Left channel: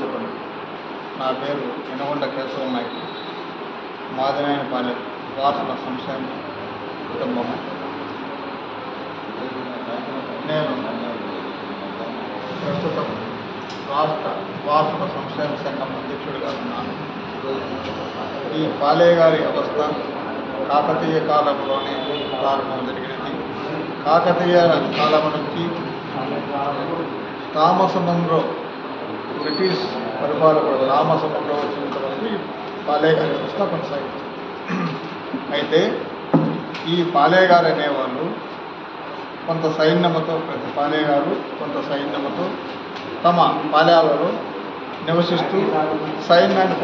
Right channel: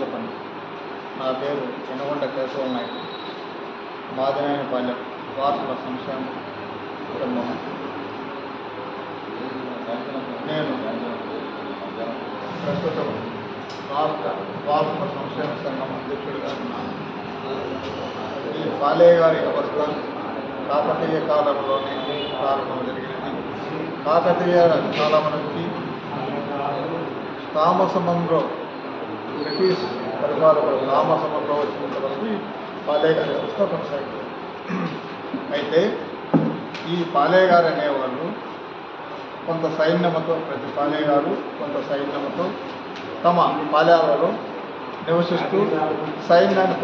చెప్పండి. నా పేరు ఎనగొండ కేశవ నాయక్, మాదినాయనపాలెం వారసుల సంక్షేమ కుటుంబం. నేను ప్రస్తుతం రాష్ట్ర వారసుల సంక్షేమ సంఘం అధ్యక్షుడిగా ఉన్నాను. ఈ పాలేగారి వ్యవస్థ కాకతీయ కాలంలోనే ప్రారంభం జరిగినది. కాకతీయ కాలం నుంచి థామస్ మన్రో, బ్రిటిష్ పరిపాలకుడు థామస్ మన్రో వచ్చినంత వరకు ఈ పాలేగారి వ్యవస్థ కొనసాగింది. అయితే ఈ పాలేగారు అనేవాళ్ళు కొంత సైన్యముతో, ప్రతి పాలేగారు కొంత సైన్యముతో తమ పాలెలలో నివసిస్తూ సైన్యాన్ని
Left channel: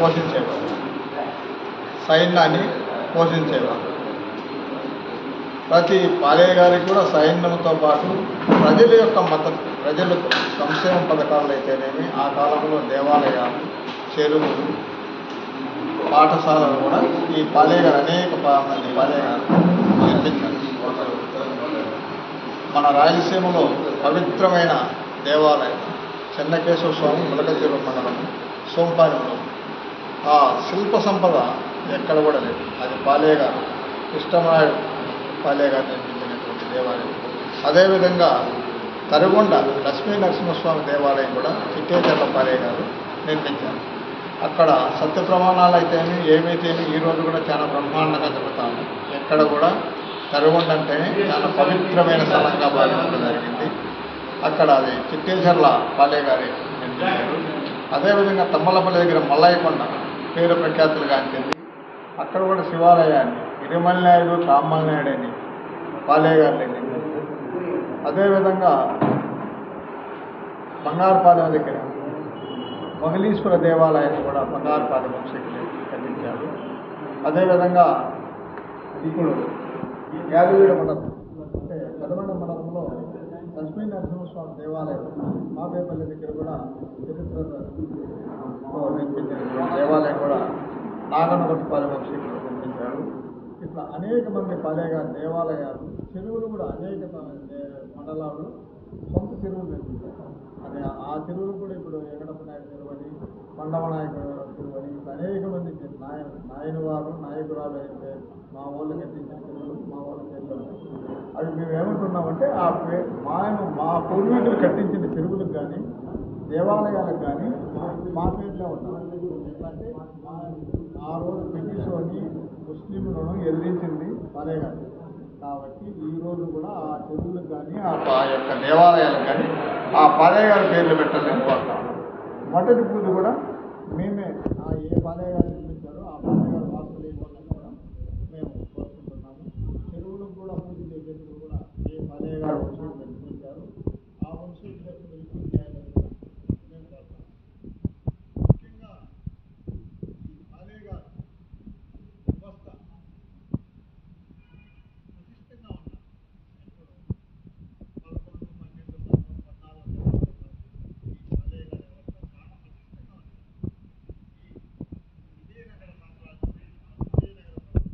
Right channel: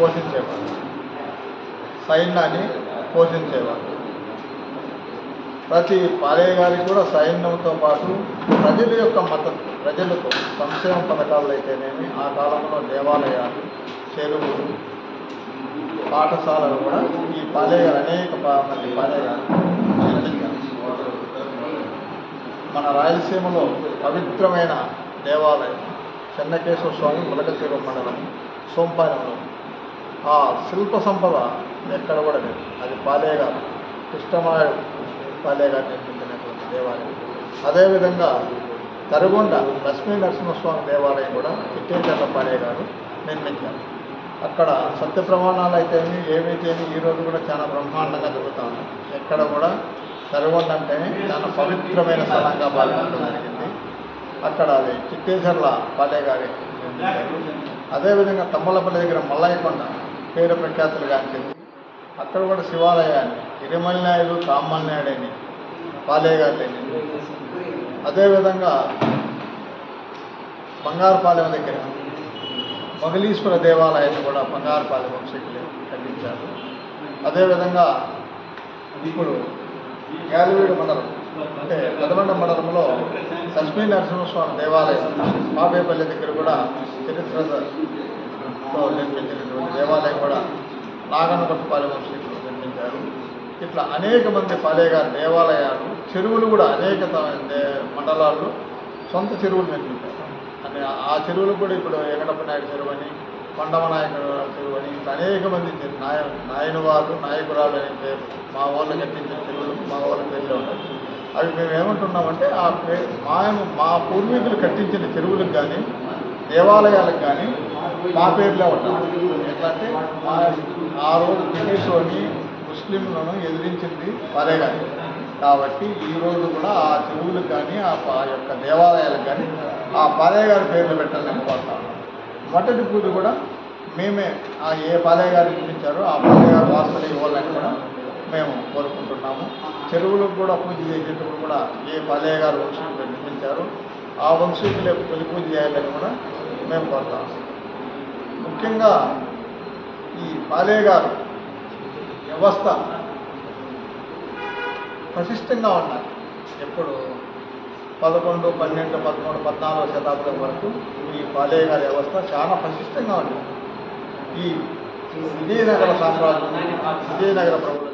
పోషించేవారు. ప్రతి పాలేగారికి కూడా సైన్యంతో పాటు ప్రజల యొక్క మద్దతు, ప్రజలతో సంక్షేమ పథకాలు అయితేనేమి, ఆ కాలంలో దేవాలయాలు, చెరువులు, పాఠశాలలు కూడా ఈ పాలేగారు అనేక మంది పాలేగారు నిర్మించారు. మన రాయలసీమలో పవిత్రమైన దేవాలయం చెన్నకేశవ స్వామి ములకచెరువు మండలం సోంపాలెంలో ఆ శిల్ప సంపద ఎక్కడ కూడా లేదు. అది పాలేగారు, కృష్ణమనాయుడు పాలేగారు నిర్మించినటువంటి దేవాలయం. అదేవిధంగా తరిగొండ లక్ష్మీ నరసింహస్వామి దేవాలయం కూడా చిట్టేచర్ల పాలేగారు నిర్మించారు. అక్కడ సత్య ప్రమాణాలు అయితేమి ఏమైతేమి ఈరోజు కూడా చాలా బ్రహ్మాండంగా జరుగుతూ ఉన్నాయి. ఎక్కడ కూడా తరిగొండ అంటేనే చాలా పవిత్రమైన స్థలంగా భావించడం జరిగింది. అక్కడ అది చిట్టేచర్ల పాలేగారి నిర్మించారు. అదేవిధంగా తమ్మలపల్లి దగ్గర మల్లయ్యకొండ పేరు ప్రఖ్యాతులు గాంచింది. అక్కడ కూడా శివాలయాన్ని ఇరిమల్నాయుడు, కామల్నాయుడు అని పాలేగారు నిర్మించారు. అదేవిధంగా బంగారుపాలెం దగ్గర మొగలీశ్వర దేవాలయాన్ని కూడా బంగారుపాలెం వంశీకులు కట్టించారు. అదేవిధంగా ఇప్పుడు యాదవీడు మండలం అంటే పెదమండ మండలంలో లక్ష్మీ నరసింహస్వామి దేవాలయం పాపేపల్లి దగ్గర కూడా చరిత్రతో నిర్మించినటువంటి దేవాలయం కూడా నాగనగొట్టపాలెం వంశీకులు నిర్మించారు. ఇట్లా అనేక మంది పాలేగారి దేవాలయాలు, చెరువులు కూడా అనేక మండలాల్లో సొంత చెరువులు నిర్మించారు. అని ఆ చెరువులు కూడా ఇప్పుడు వెంకటప్ప నాయుడు చెరువు అని, కొండమ నాయకుడు చెరువు అని, ఇట్లా అనేక మంది నాయనవారు, నాయకురాలు అనే పేరు మా వాళ్ళు కట్టించిన చెరువులు మా వాళ్ళ పేర్లో ఉంటాయి. అవి మేము ఏమంటున్నామంటే ఆ మా పూర్వీకులు కట్టించిన చెరువులకు కానీ దేవాలయాలకు కానీ మా పేర్లే ఉంటాం. ఎట్లా అంటే ఆ రోజు బ్రిటిష్ వాళ్ళని, ముస్లింలను ఎదిరించింది పాలేగారు కాబట్టి ఈరోజు కూడా ఆ చెరువులకు కానీ ఆ యొక్క దేవాలయాలకు కానీ ఆ పాలేగారి పేర్లు పెట్టాలని కోరుతా ఉన్నాం. మొదటి పూజ కూడా మేమే ఏ పాలేగారు నిర్మించారో ఆ పాలేగారు వార్తలు ఇవ్వాలని కూడా మేము కోరుకుంటున్నాము. చెరువులకు కూడా పూజ చేసేటప్పుడు కూడా ఏ పాలేగారు వంశీకులు నిర్మించారో ఆ వంశీకులే తొలి పూజ చేయాలని కూడా మేము కోరుతాము. ముఖ్యంగా ఈ పాలేగారు వ్యవస్థ ప్రతిష్టంగా ఉండాలి. ఎప్పుడు 11, 12, 13, 14వ శతాబ్దం వరకు ఈ పాలేగారి వ్యవస్థ చాలా ప్రతిష్టంగా ఉంది. ఈ విజయనగర సామ్రాజ్యం, విజయనగర ప్రభుత్వం